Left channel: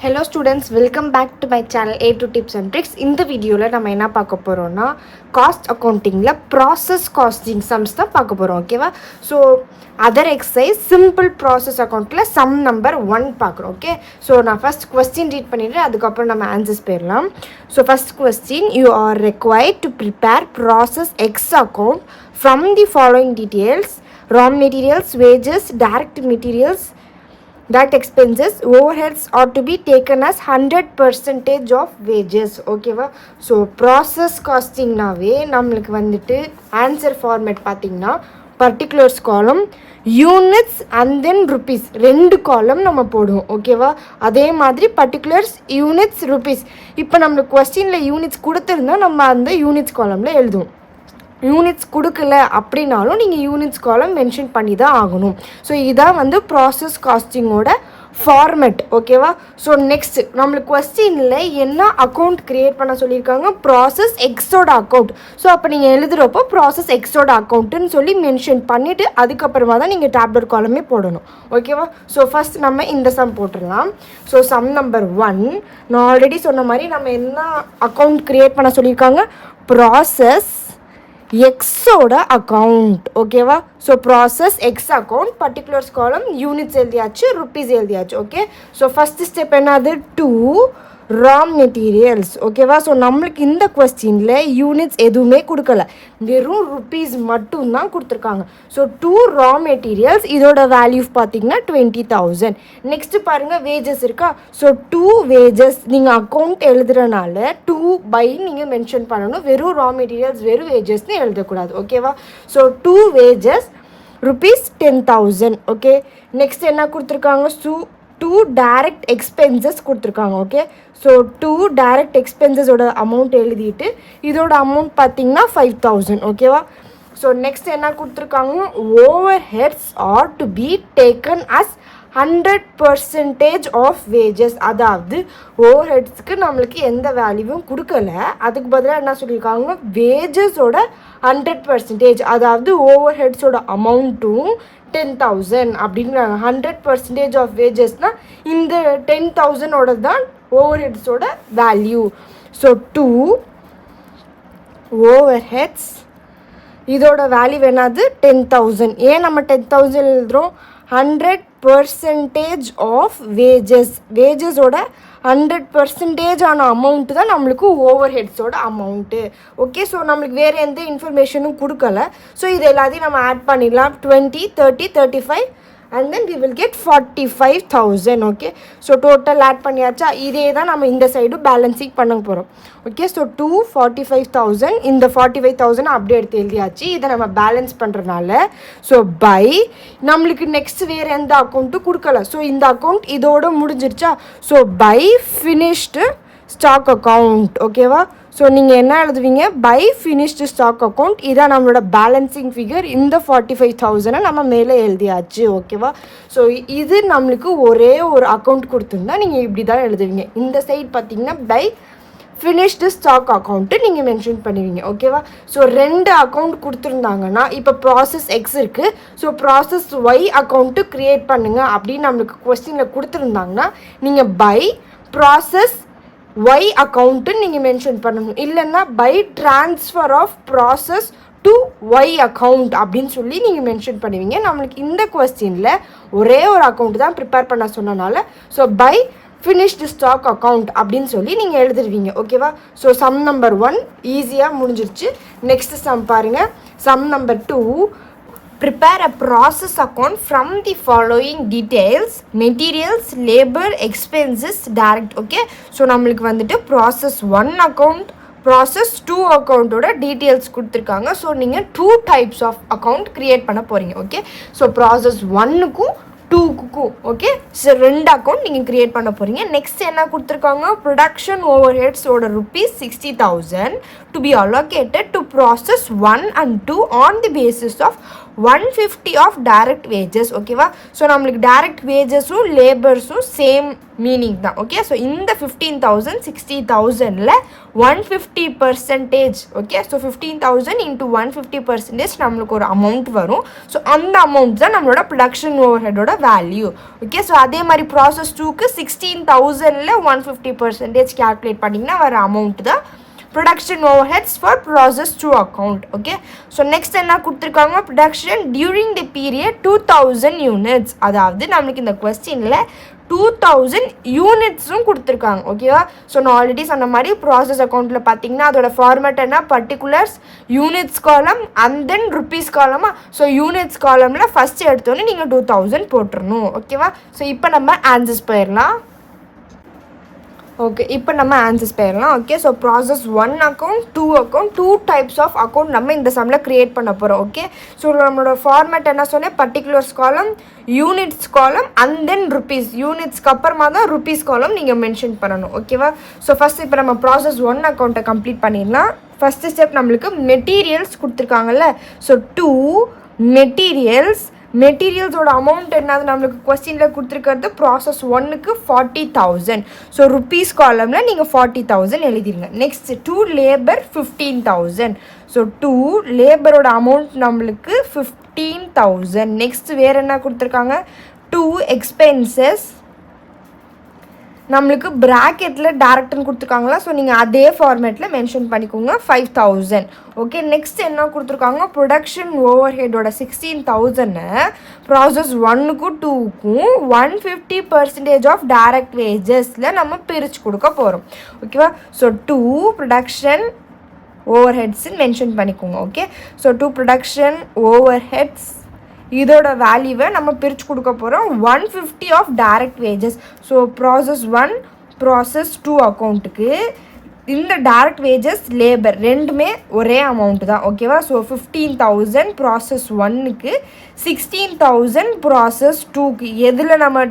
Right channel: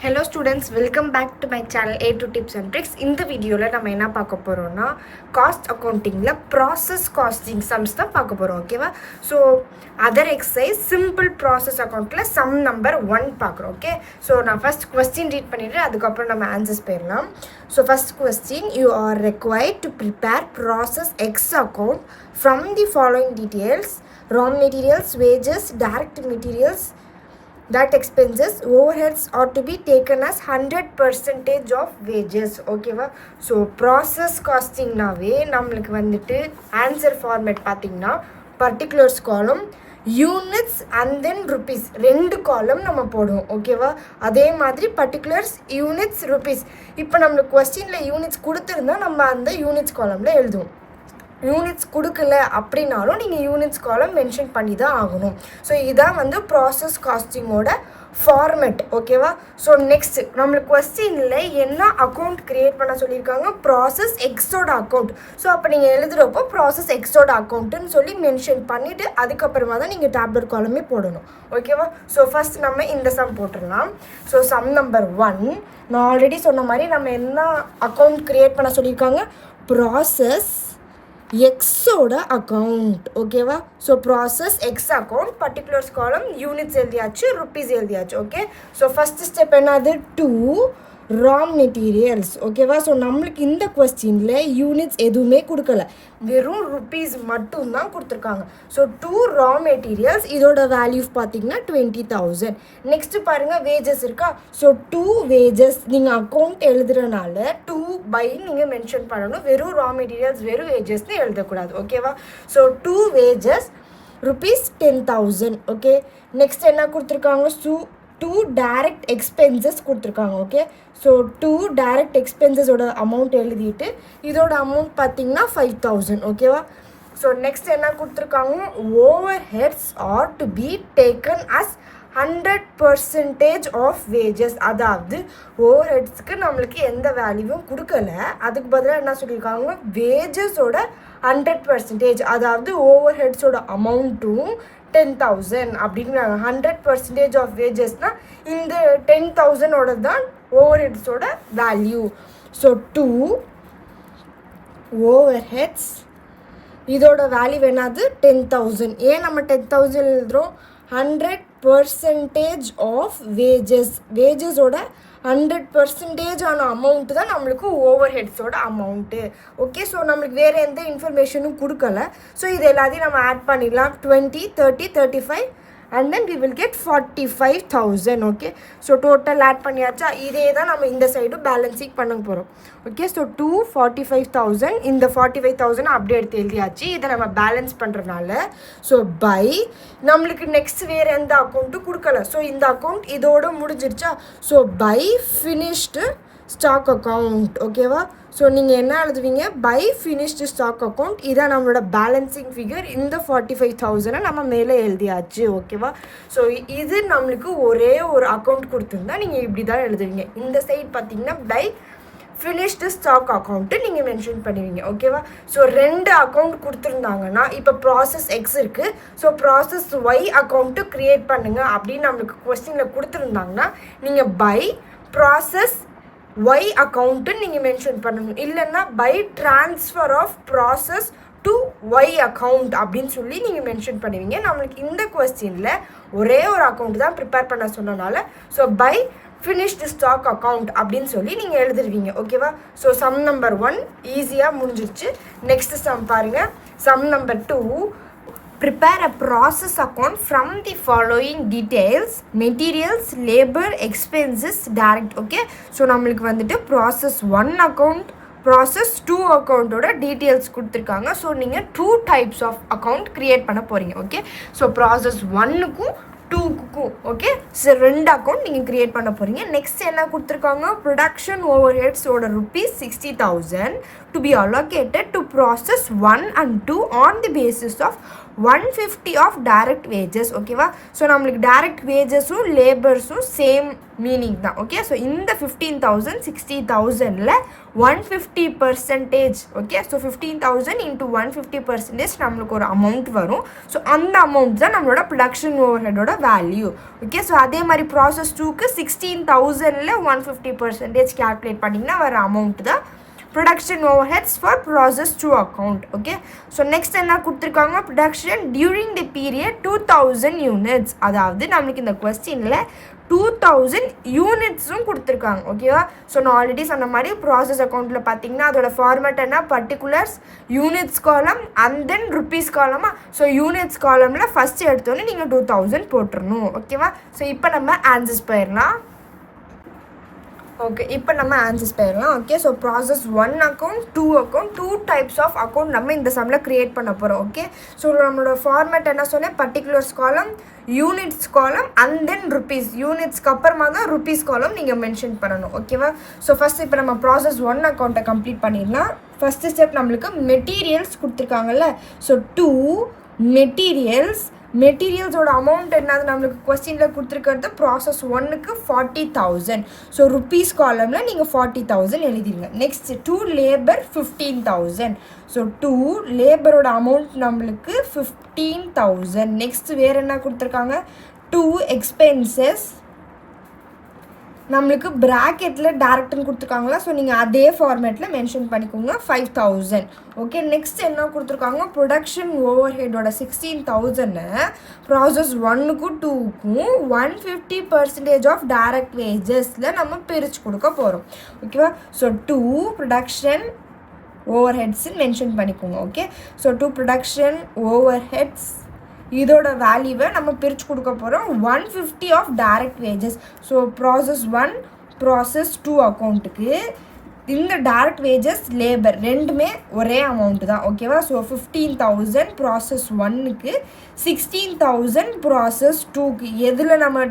Hello students, welcome back to my channel A2 Tips and Tricks. இந்த வீடியோவில் நம்ம என்ன பார்க்க போகிறோம்னா காஸ்ட் அக்கௌண்டிங்கில் ப்ராசஸ் காஸ்டிங் சம்ஸ் தான் பார்க்க போகிறோம். ஓகேவா? So other exercise simple process அக்கௌண்ட்டில் சம் நம்பர் 1 பார்க்குறோம். ஓகே, ஸோ நான் ஃபஸ்ட் கொஸ்டின் ரீட் பண்ணிவிட்டு அதுக்கப்புறம் நம்ம ஆன்சர்ஸ் போயிடலாம். So first question, you are required to prepare process X account from the following details: raw materials, wages, direct materials, direct expenses, overheads are to be taken as 100% of wages. ஓகேவா? So process காஸ்டிங்னாவே நம்மளுக்கு வந்துட்டு answer format பார்த்திங்கன்னா particulars காலம், units and then rupees, 2 காலம் நம்ம போடுவோம். ஓகேவா? அதே மாதிரி பர்டிகுலர்ஸ், யூனிட்ஸ், ருபீஸ். இப்போ நம்மளுக்கு கொஸ்டினில் யூனிட்ஸ் கொடுத்துருந்தா நம்ம அந்த யூனிட்ஸ் காலமில் எழுதுவோம். யூனிட்ஸ் கொடுக்கல அப்படின்னாலும் நீங்கள் யூனிட்ஸ் காலம் மென்ஷன் பண்ணி தான் ஆகணும். ஸோ இதான் வந்து ப்ராசஸ் காஸ்டிங்கோட ஃபார்மெட். ஓகேவா? ஸோ நெக்ஸ்ட் நம்மளுக்கு கொஸ்டினில் என்ன அக்கௌண்ட் க்ரியேட் பண்ண சொல்லியிருக்காங்க? ப்ராசஸ் எக்ஸோட அக்கௌண்ட். ஸோ அப்போ நீங்கள் எழுதுகிறப்போ ப்ராசஸ் எக்ஸோட அக்கௌண்ட்டுன்னு சொல்லி மென்ஷன் பண்ணிவிட்டு அதுக்கப்புறமா தான் நீங்கள் டேப்லெட் காலமே போடணும். ஓகேவா? ஸோ ஃபஸ்ட் நம்ம இந்த சம் போட்டுடலாம். ஸோ சம் நம்பர் 1, நான் ஆல்ரெடி சொன்ன மாதிரி நம்ம என்ன அக்கௌண்ட் க்ரியேட் பண்ண சொல்லியிருக்காங்க? ப்ராசஸ் எக்ஸோட அக்கௌண்ட். ஓகேவா? So process X account, particulars காலம், யூனிட்ஸ் எழுதியாச்சு, ருப்பீஸ் எழுதியாச்சு. ஓகே, ஸோ ஃபஸ்ட்டு ஸ்டெப் என்னது? 2 ரா மெட்டீரியல்ஸ். ஓகேவா? ஸோ நம்மளுக்கு இந்த கொஸ்டினில் யூனிட்ஸ் எதுவுமே கொடுக்கல, வெறும் ருப்பீஸ் மட்டும்தான் கொடுத்துருக்காங்க. ஸோ 2 ரா மெட்டீரியல்ஸ், இதோட வேல்யூ பார்த்தீங்கன்னா 20,000. நெக்ஸ்ட்டு பாருங்கள், வேஜஸ் இருக்கா? ஸோ 2 வேஜஸ் நீங்கள் அக்கௌண்ட் எழுதுறனால 2 பை நீங்கள் மென்ஷன் பண்ணணும். வெறும் ரா மெட்டீரியல்ஸ், வெறும் வேஜஸ்ன்னு எழுதக்கூடாது. ஓகேவா? So 2 wages rupees 10,000. Okay, next என்ன கொடுத்துருக்காங்க? 2 டைரக்ட் எக்ஸ்பென்சஸ் கொடுத்துருக்காங்க. ஓகே, ஸோ 2 டைரக்ட் எக்ஸ்பென்சஸோட அமௌண்ட் எழுதிட்டு இதோட அமௌண்ட் பார்த்தீங்கன்னா 5,000. ஓகேவா? ஸோ நெக்ஸ்ட் என்ன கொடுத்துருக்காங்க? Overheads are to be taken as 100% of wages. அதாவது ஓவர் ஹெட்ஸ்க்கு நம்மளுக்கு எந்த வேல்யூவும் கொடுக்கல, அதுக்கு பதிலாக என்ன சொல்லியிருக்காங்க? வேஜஸோட 100%, அதாவது ஓவர் ஹெட்ஸோட அமௌண்ட்டும் 10,000 அப்படிங்கிறாங்க. 100% ஆஃப் வேஜஸ்னால் இந்த 10,000ஓட தான் ஓவர் ஹெட்ஸோட வேல்யூ. ஸோ 2 ஓவர் ஹெட்ஸ், இதோட வேல்யூ என்னது? 10,000. ஏன் நம்ம 10,000 எழுதுகிறோம்? 100% ஆஃப் வேஜஸ், வேஜஸோட 100% ஆன அமௌண்ட்டு தான் நம்மளுக்கு ஓவர் ஹெட்ஸோட அமௌண்ட்டு. ஓகே, ஸோ நம்மளுக்கு வேறு எந்த இன்ஃபர்மேஷனும் கொடுக்கல. ஸோ இது எல்லாத்தையும் நம்ம ஆட் பண்ணிடலாம். 20, 30, 35 and then we will get 45,000. Okay, so total add பண்ணியாச்சா? இதே தான் நம்ம இந்த சைடு பேலன்சிங் பண்ண போகிறோம். ஓகே, ஸோ 45,000, இந்த 45,000 அப்படியே எடுத்து எழுதியாச்சு. இதை நம்ம பேலன்ஸ் பண்ணுறதுனால ஸோ பை நம்மளுக்கு நெக்ஸ்ட் வேறு எந்த அக்கௌண்ட்டும் கொடுக்கல. ஸோ இந்த அக்கௌண்ட் இதோட முடிஞ்சிருச்சா? So by finished stock account. ஓகேவா? ஸோ நீங்கள் என்ன எழுதுவீங்க? By finished stock account. இதான் நம்மளோட பேலன்சிங் ஃபிகர். இந்த 45,000 நம்ம மேலே எழுதியாச்சு. ஓகேவா? ஸோ இது நம்மளுக்கு ஒரே ஒரு அக்கௌண்ட் கொடுத்துருந்தா நீங்கள் இப்படி தான் எழுதுவீங்க. இந்த சைட் பார்த்தீங்கன்னா பை ஃபினிஷ்டு ஸ்டாக் அக்கௌண்ட்டு நீங்கள் மென்ஷன் பண்ணுவீங்க. ஓகேவா? ஸோ 2 அக்கௌண்ட் கொடுத்துருந்தாங்கன்னா இப்போ ப்ராசஸ் எக்ஸ் இருக்குது, so process Y account create பண்ணுங்கள் அப்படின்னு நம்மளுக்கு கொஸ்டினில் கொடுத்துருந்தாங்கன்னா நீங்கள் பை ப்ராசஸ் ஒய் அக்கௌண்ட்டுன்னு நீங்கள் மென்ஷன் பண்ணணும். இல்லைன்னா by transfer of process to Y account அப்படின்னு சொல்லி நீங்கள் மென்ஷன் பண்ணுவீங்க. நம்மளுக்கு இந்த கொஸ்டினில் ஒரே ஒரு அக்கௌண்ட் தான் ப்ரிப்பேர் பண்ண சொன்னனால so by finished stock account அப்படின்னு சொல்லி நீங்கள் எழுதிருவீங்க. ஓகேவா? ஸோ சம் நம்பர் 1 ஈஸியாக முடிஞ்சிருச்சு. நெக்ஸ்ட் சம் பாருங்கள். Sum number 2, prepare a process account from the following details: materials, labor, expenses, direct. Okay, so நம்மளுக்கு வந்துட்டு ப்ராசஸ் 1 அக்கௌண்ட், ப்ராசஸ் 2 அக்கௌண்ட்டோட டீட்டெயில்ஸ் கொடுத்துருக்காங்க. ஸோ நீங்கள் 2 டைப்ஸ் ஆஃப் அக்கௌண்ட் க்ரியேட் பண்ண போகிறீங்க. ஓகே, ஸோ ப்ராசஸ் 1க்கும் 2க்கும் ஓகே, ஸோ 2 அக்கௌண்ட் நீங்கள் க்ரியேட் பண்ண போகிறீங்க. நெக்ஸ்ட் என்ன கொடுத்துருக்காங்க? ப்ரொடக்ஷன் ஓவர் ஹெட்ஸோட rupees 60,000 to be allocated to process 1 and 2 on the basis of 150 of direct wages. ஓகேவா? ஸோ நம்மளுக்கு டைரக்ட் வேஜஸும் லேபர்ஸும் சேம் மீனிங் தான். ஓகே, ஸோ இந்த 15,000 60,000ல் 150%. ஓகே, ஸோ 15,000 இன்ட்டு 150% நம்மளுக்கு ஒரு அமௌண்ட் வரும். ஸோ அந்த அமௌண்ட் தான் நம்மளோட ப்ரொடக்ஷன் ஓவர் ஹெட்டோட வேல்யூ. ஓகே, ஸோ அதே மாதிரி ப்ராசஸ் 2க்கு 16,000ல் 150% கேல்குலேட் பண்ணிங்கன்னா வர அமௌண்ட் தான் production overheads for process 2 account. Okay, so next என்ன கொடுத்துருக்காங்க, production during the period 2000 units. அதாவது நம்மளுக்கு இந்த கொஸ்டினில் 2000 யூனிட்ஸும் கொடுத்துருக்காங்க. ஓகேவா? ஸோ நான் ஆல்ரெடி சொன்ன மாதிரி ப்ராசஸ் அக்கௌண்ட்டில் பார்த்தீங்கன்னா அதோட ஃபார்மேட் என்ன, பர்டிகுலர்ஸ், யூனிட்ஸ் காலம் அண்ட் தென் ருப்பீஸ் காலமா. ஸோ யூனிட்ஸ் காலமில் ஃபஸ்ட்டு எடுத்தோன்னே நீங்கள் 2000 போட்டுருணும். ஓகேவா? ஸோ இப்போ நம்ம ஆன்சர்ஸ் போயிடலாம். ஓகே, இப்போ நம்ம ஆன்சர்ஸ் போயிடலாம். Okay, so process 1 account 2 account 2 types of account நம்ம இந்த சம்மில் க்ரியேட் பண்ண போகிறோம். ஓகே, ஸோ நம்மளோட ஃபார்மேட் என்ன சொன்னேன், பர்டிகுலர்ஸ் காலம், யூனிட்ஸ் காலம் அண்ட் தென் ருப்பீஸ். யூனிட்ஸ்க்கு அப்புறமா தான் ருப்பீஸ் காலம் நீங்கள் மென்ஷன் பண்ணணும். ஓகேவா? ஸோ ஃபஸ்ட் இப்போ நம்ம ப்ராசஸ் 1 அக்கௌண்ட்டை கம்ப்ளீட் பண்ணிடலாம். ஃபஸ்ட்டு ஸ்டெப் நம்மளுக்கு மெட்டீரியல்ஸ் கொடுத்துருக்காங்கல்ல. ஸோ 2 மெட்டீரியல்ஸோட அமௌண்ட் என்னது நம்மளுக்கு கொஸ்டினில் கொடுத்துருக்கிறது ப்ராசஸ் 1க்கு 40,000. ஸோ ருப்பீஸ் காலமில் நீங்கள் 40,000 எழுதிருங்க. Next 2 labour 15,000. ஸோ 2 லேபரோட அமௌண்ட் நம்மளுக்கு 15,000. நெக்ஸ்ட் வேறு என்ன கொடுத்துருக்காங்க, 2 எக்ஸ்பென்சஸ் நம்மளுக்கு ப்ராக்கெட்டில் டேரக்ட்னு கொடுத்துருக்காங்களா. ஸோ நீங்கள் அதே ஃபார்மேட்டில் மென்ஷன் பண்ணிக்கோங்க, 5,000. ஓகே, நெக்ஸ்ட் என்ன கொடுத்துருக்காங்க, ப்ரொடக்ஷன் ஓவர் ஹெட்டோட 16,000 ப்ராசஸ் 1க்கும் 2க்கும் 150% ஆஃப் டைரக்ட் வேஜஸில் நம்ம பிரித்து கொடுக்க போகிறோம். ஓகேவா? ஸோ 2 ப்ரொடக்ஷன் ஓவர் ஹெட்ஸ்ன்னு மென்ஷன் பண்ணிக்கோங்க. Okay, so 2 production over heads இதோட வேல்யூவை நம்ம பிரித்து கொடுக்க போகிறோம் 150 of direct wages. So process 1 process 2 அக்கௌண்ட்டுக்கு இந்த டைரக்ட் வேஜஸ் லேபர் ரெண்டுமே ஒரே அமௌண்ட்டு தான். ஓகேவா? ஸோ 15,000 ப்ராசஸ் 1க்கு 16,000 ப்ராசஸ் 2க்கு எதில் நம்ம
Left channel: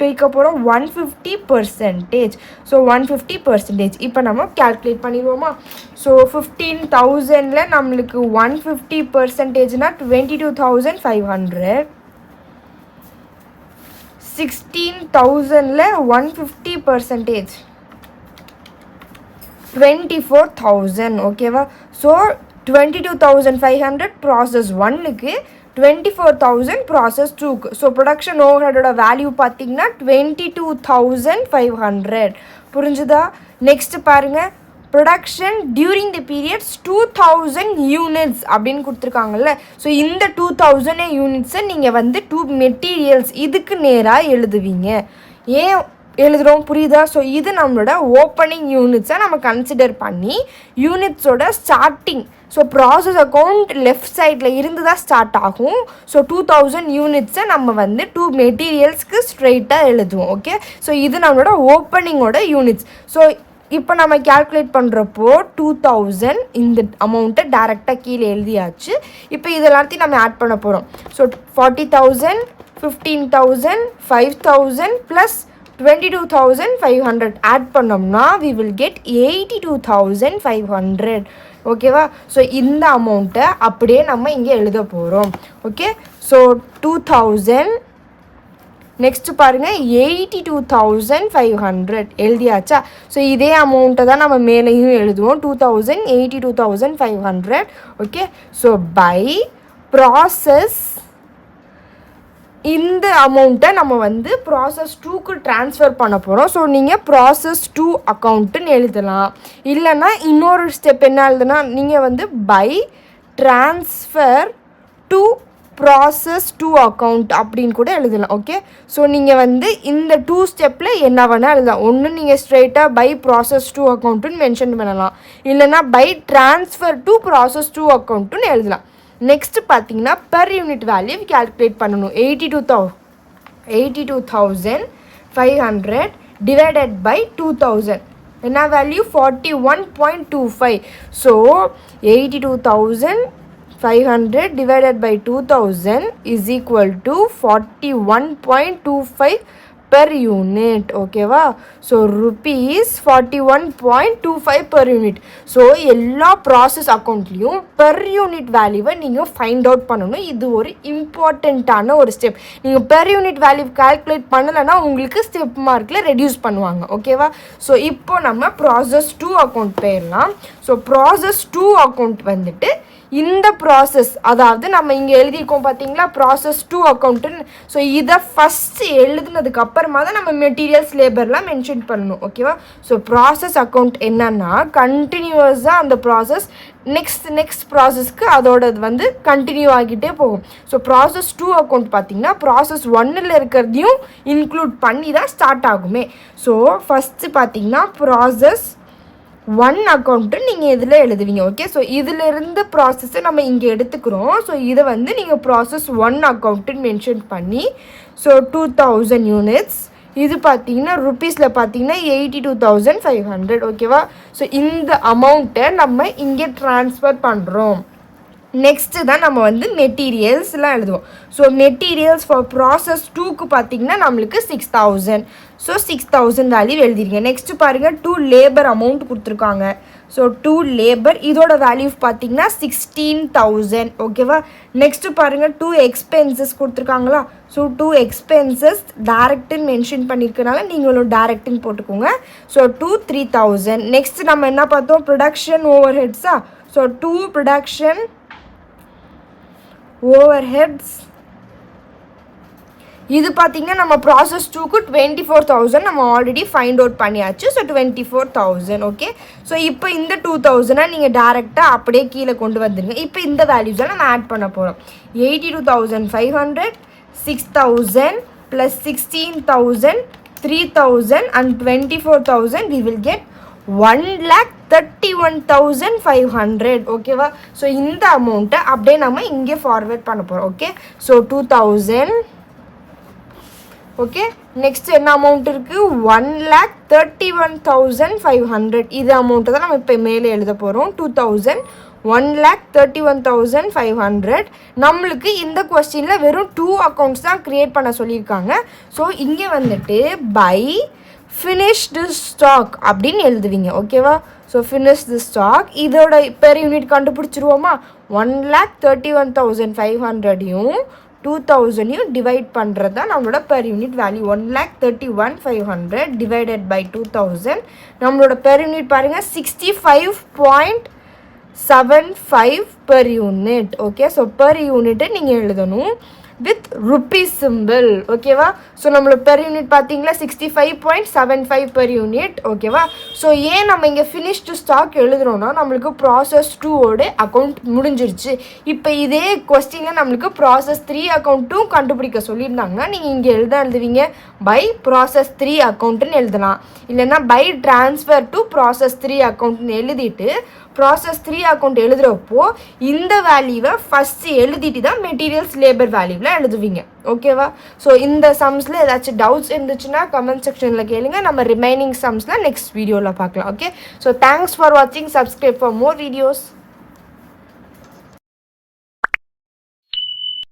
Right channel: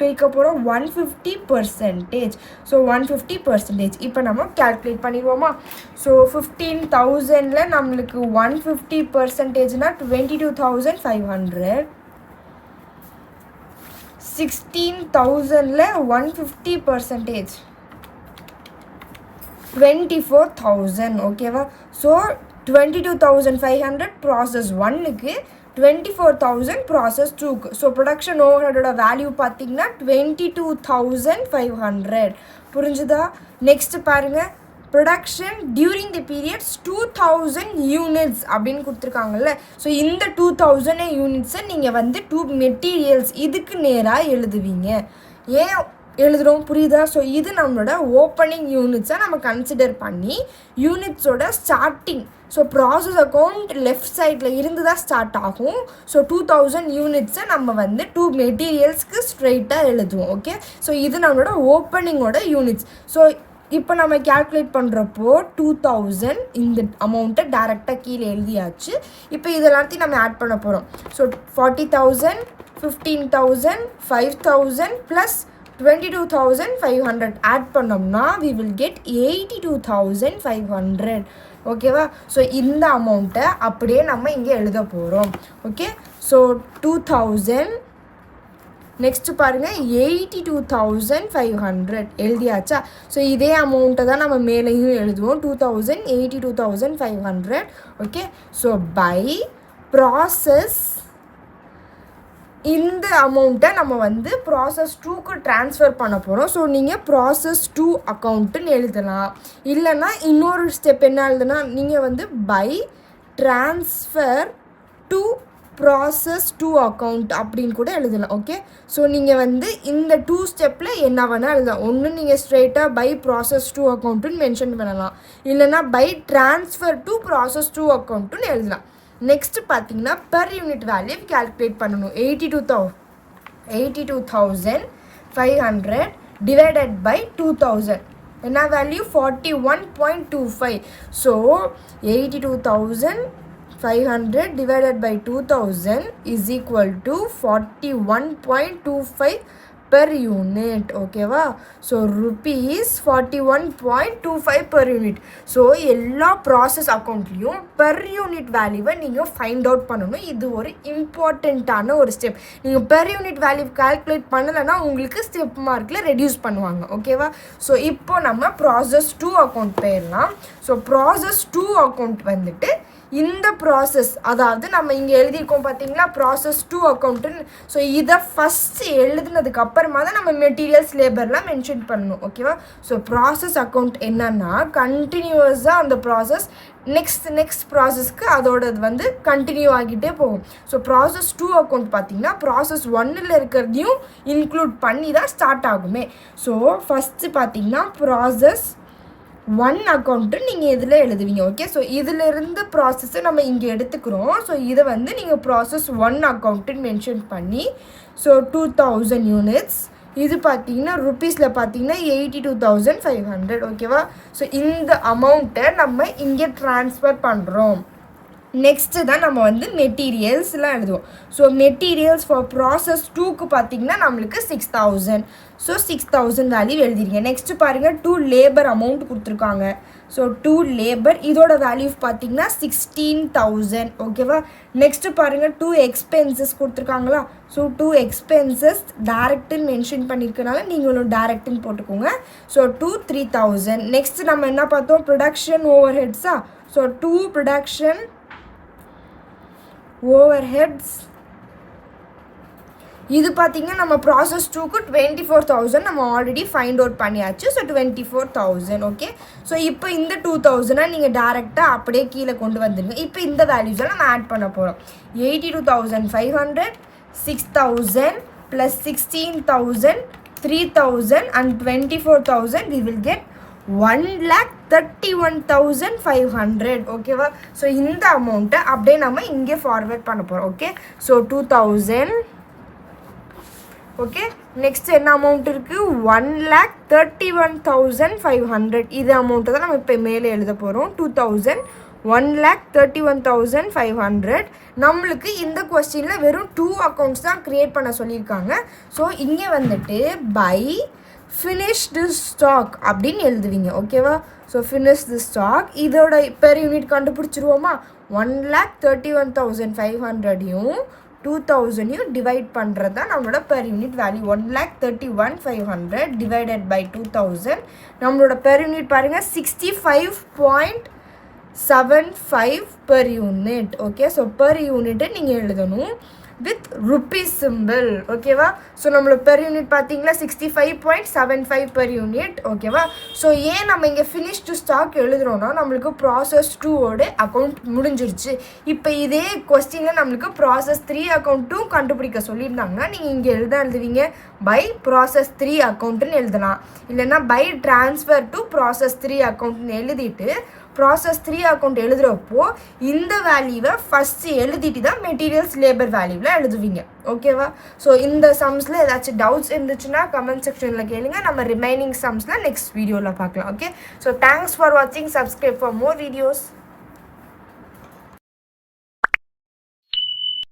பிரிக்க போகிறோம், 150%. ஸோ 150%. இப்போ நம்ம கேல்குலேட் பண்ணிடுவோமா. ஸோ 15,000ல் நம்மளுக்கு 150%னா 22,500. 16,000ல் 150% 24,000. ஓகேவா? ஸோ 22,500 ப்ராசஸ் 1க்கு 24,000 ப்ராசஸ் 2க்கு. ஸோ ப்ரொடக்ஷன் ஓவர் ஹெட்டோட வேல்யூ பார்த்தீங்கன்னா 22,500. புரிஞ்சுதா? நெக்ஸ்ட் பாருங்கள், production during the periods 2,000 units அப்படின்னு கொடுத்துருக்காங்கல்ல. ஸோ இந்த 2,000 யூனிட்ஸை நீங்கள் வந்து 2 மெட்டீரியல்ஸ் இதுக்கு நேராக எழுதுவீங்க. ஏன் எழுதுகிறோம், புரியுதா? ஸோ இது நம்மளோட ஓப்பனிங் யூனிட்ஸை நம்ம கன்சிடர் பண்ணி யூனிட்ஸோட starting, so process account left சைடில் இருந்து தான் ஸ்டார்ட் ஆகும். ஸோ 2,000 யூனிட்ஸை நம்ம வந்து 2 மெட்டீரியல்ஸ்க்கு ஸ்ட்ரெயிட்டாக எழுதுவோம். ஓகே, ஸோ இது நம்மளோட ஓப்பனிங்கோட யூனிட்ஸ். ஸோ இப்போ நம்ம கேல்குலேட் பண்ணுறப்போ 2,000 இந்த அமௌண்ட்டை டேரெக்டாக கீழே எழுதியாச்சு. இப்போ இதெல்லாத்தையும் நம்ம ஆட் பண்ண போகிறோம். ஸோ 40,000 15,000 5,000 ப்ளஸ் 22,500 ஆட் பண்ணோம்னா we will get 82,500. ஓகேவா? ஸோ இந்த அமௌண்ட்டை அப்படியே நம்ம இங்கே எழுத போகிறோம். ஓகே, ஸோ 2,000 நெக்ஸ்ட்டு பாருங்கள் 82,500 எழுதியாச்சா. ஸோ இதே அமௌண்ட்டை தான் நம்ம மேலேயும் எழுதுவோம், 2,000 82,500. ஓகே, ஸோ பை ப்ராசஸ் இந்த அமௌண்ட்டை நம்ம வந்து ப்ராசஸ் 2க்கு ட்ரான்ஸ்ஃபர் பண்ண போகிறோம். ஸோ நீங்கள் ப்ராசஸ் 2 அக்கௌண்ட்டுன்னு எழுதலாம். இல்லைன்னா இன்னொரு ஸ்டெப் என்ன எழுதுனா, நீங்கள் வந்து by transfer to process 2 account அப்படின்னு கூட எழுதலாம். ஓகே, ஸோ நீங்கள் வந்து இந்த 2 ஸ்டெப்பில் என்ன வேணால் எழுதலாம். ஒன்று நீங்கள் ஸ்ட்ரெயிட்டாக பை ப்ராசஸ் 2 அக்கௌண்ட்டுன்னு மென்ஷன் பண்ணலாம், இல்லைனா பை ட்ரான்ஸ்ஃபர் டு ப்ராசஸ் 2 அக்கௌண்ட்டுன்னு எழுதலாம். நெக்ஸ்ட்டு பார்த்தீங்கன்னா பெர் யூனிட் வேல்யூ கேல்குலேட் பண்ணணும். 82,500 டிவைடட் பை 2,000 என்ன வேல்யூ, 41.25. So 82,500 divided by 2,000 is equal to 41.25 per unit. ஓகேவா? So rupees 41.25 per unit. So எல்லா ப்ராசஸ் அக்கௌண்ட்லேயும் பெர் யூனிட் வேல்யூவை நீங்கள் ஃபைண்ட் அவுட் பண்ணணும். இது ஒரு இம்பார்ட்டண்ட்டான ஒரு ஸ்டெப். நீங்கள் பெர் யூனிட் வேல்யூ கால்குலேட் பண்ணலைன்னா உங்களுக்கு ஸ்டெப் மார்க்கில் ரெடியூஸ் பண்ணுவாங்க. ஓகேவா? ஸோ இப்போ நம்ம ப்ராசஸ் 2 அக்கௌண்ட் போயிடலாம். ஸோ ப்ராசஸ் 2 அக்கௌண்ட் வந்துட்டு இந்த ப்ராசஸ், அதாவது நம்ம இங்கே எழுதியிருக்கோம் பார்த்தீங்களா ப்ராசஸ் 2 அக்கௌண்ட்டுன்னு. ஸோ இதை ஃபஸ்ட்டு எழுதுனதுக்கு அப்புறமா தான் நம்ம மெட்டீரியல்ஸ் லேபர்லாம் மென்ஷன் பண்ணணும். ஓகேவா? ஸோ ப்ராசஸ் அக்கௌண்ட் என்னன்னா கண்டினியூஸாக அந்த ப்ராசஸ் நெக்ஸ்ட் ப்ராசஸ்க்கு அதோடது வந்து கண்டினியூ ஆகிட்டே போகும். ஸோ ப்ராசஸ் 2 அக்கௌண்ட் பார்த்தீங்கன்னா ப்ராசஸ் 1ல் இருக்கிறதையும் இன்க்ளூட் பண்ணி தான் ஸ்டார்ட் ஆகுமே. ஸோ ஃபஸ்ட்டு பார்த்தீங்கன்னா ப்ராசஸ் 1 அக்கௌண்ட்டு நீங்கள் இதில் எழுதுவீங்க. ஓகே? ஸோ இதிலிருந்து ப்ராசஸை நம்ம இங்கே எடுத்துக்கிறோம். ஸோ இதை வந்து நீங்கள் ப்ராசஸ் 1 அக்கௌண்ட்டுன்னு மென்ஷன் பண்ணி, ஸோ 2000 யூனிட்ஸ், இது பார்த்தீங்கன்னா ருப்பீஸில் பார்த்தீங்கன்னா 82,500. ஓகேவா? ஸோ இந்த அமௌண்ட்டை நம்ம இங்கே ட்ரான்ஸ்ஃபர் பண்ணுறோம். நெக்ஸ்ட்டு தான் நம்ம வந்து மெட்டீரியல்ஸ்லாம் எழுதுவோம். ஸோ மெட்டீரியல்ஸ் ஃபார் ப்ராசஸ் 2க்கு பார்த்தீங்கன்னா நம்மளுக்கு 6,000. So 6,000 value எழுதிருங்க. நெக்ஸ்ட்டு பாருங்கள் 2 லேபர் அமௌண்ட் கொடுத்துருக்காங்க. ஸோ 2 லேபர் இதோட வேல்யூ பார்த்தீங்கன்னா 16,000. ஓகேவா? நெக்ஸ்ட்டு பாருங்கள் 2 எக்ஸ்பென்சஸ் கொடுத்துருக்காங்களா? ஸோ 2 எக்ஸ்பென்சஸ் டேரெக்டுன்னு மென்ஷன் பண்ணியிருக்கனால நீங்களும் டேரெக்டுன்னு போட்டுக்கோங்க. ஸோ 3,000. நெக்ஸ்ட் நம்ம என்ன பார்த்தோம்? ப்ரொடக்ஷன் ஓவர் ஹெட்ஸா? ஸோ 2 ப்ரொடக்ஷன் ஓவர்ஹெட்ஸ், இது பார்த்தீங்கன்னா நம்ம ப்ராசஸ் 2க்கு 24,000 நம்ம ஆல்ரெடி ஃபைண்ட் அவுட் பண்ணியாச்சு. ஸோ 24,000. ஓகே? ஸோ இப்போ இந்த 2,000 நீங்கள் டேரெக்டாக அப்படியே கீழே கொண்டு வந்துடுங்க. இப்போ இந்த வேல்யூஸை நம்ம ஆட் பண்ண போகிறோம். 82,500, 6,000 + 16,000, 3,000 and 24,000, we will get 1,31,500. ஓகேவா? ஸோ இந்த அமௌண்ட்டை அப்படியே நம்ம இங்கே ஃபார்வேர்ட் பண்ண போகிறோம். ஓகே? ஸோ 2,000. ஓகே? நெக்ஸ்ட் என்ன அமௌண்ட் இருக்குது? 1,31,500. இது அமௌண்ட்டை தான் நம்ம இப்போ மேலே எழுத போகிறோம். 2,000, 1,31,500. நம்மளுக்கு இந்த கொஸ்டினில் வெறும் 2 அக்கௌண்ட்ஸ் தான் க்ரியேட் பண்ண சொல்லியிருக்காங்க. ஸோ இங்கே வந்துட்டு பை ஃபினிஷ்டு ஸ்டாக் அப்படின்னு எழுதுவீங்க. ஓகேவா? ஸோ ஃபினிஷ்டு ஸ்டாக் இதோட பெர் யூனிட் கண்டுபிடிச்சிருவோமா? 1,31,500யும் 2,000யும் டிவைட் பண்ணுறது தான் நம்மளோட per unit value. 1,31,500 divided by 2,000. நம்மளோட பெர் யூனிட் பாருங்கள் 65.75 per unit. Okay? So per யூனிட்டை நீங்கள் எழுதணும் வித் ருப்பீஸ் சிம்பிள். ஓகேவா? ஸோ நம்மளோட பெர் யூனிட் பார்த்தீங்களா 65.75 பெர் யூனிட். ஓகேவா? ஸோ ஏன் நம்ம இங்கே ஃபினிஷ்டு ஸ்டாக் எழுதுறோன்னா நம்மளுக்கு ப்ராசஸ் 2ஓட அக்கௌண்ட் முடிஞ்சிருச்சு. இப்போ இதே கொஸ்டினில் நம்மளுக்கு ப்ராசஸ் 3 அக்கௌண்ட்டும் கண்டுபிடிக்க சொல்லியிருந்தாங்கன்னா நீங்கள் இங்கே எழுதுவீங்க பை ப்ராசஸ் 3 அக்கௌண்ட்டுன்னு எழுதலாம். இல்லைன்னா பை ட்ரான்ஸ்ஃபர் டு ப்ராசஸ் 3 அக்கௌண்ட்னு எழுதிட்டு ப்ராசஸ் 3 அக்கௌண்ட் எழுதுகிறப்போ இந்த வேல்யூவை ஃபஸ்ட்டு எழுதிட்டு தான் மெட்டீரியல்ஸ் லேபர் வேல்யூவில் எழுதுவீங்க. ஓகேவா? ஸோ இந்த சம்ஸில் ஏதாச்சும் டவுட்ஸ் இருந்துச்சுன்னா கமெண்ட் செக்ஷனில் கேளுங்க. நம்ம ரிமைனிங் சம்ஸில் நெக்ஸ்ட் வீடியோவில் பார்க்கலாம். ஓகே? ஸோ தேங்க்ஸ் ஃபார் வாட்சிங். Subscribe for more videos.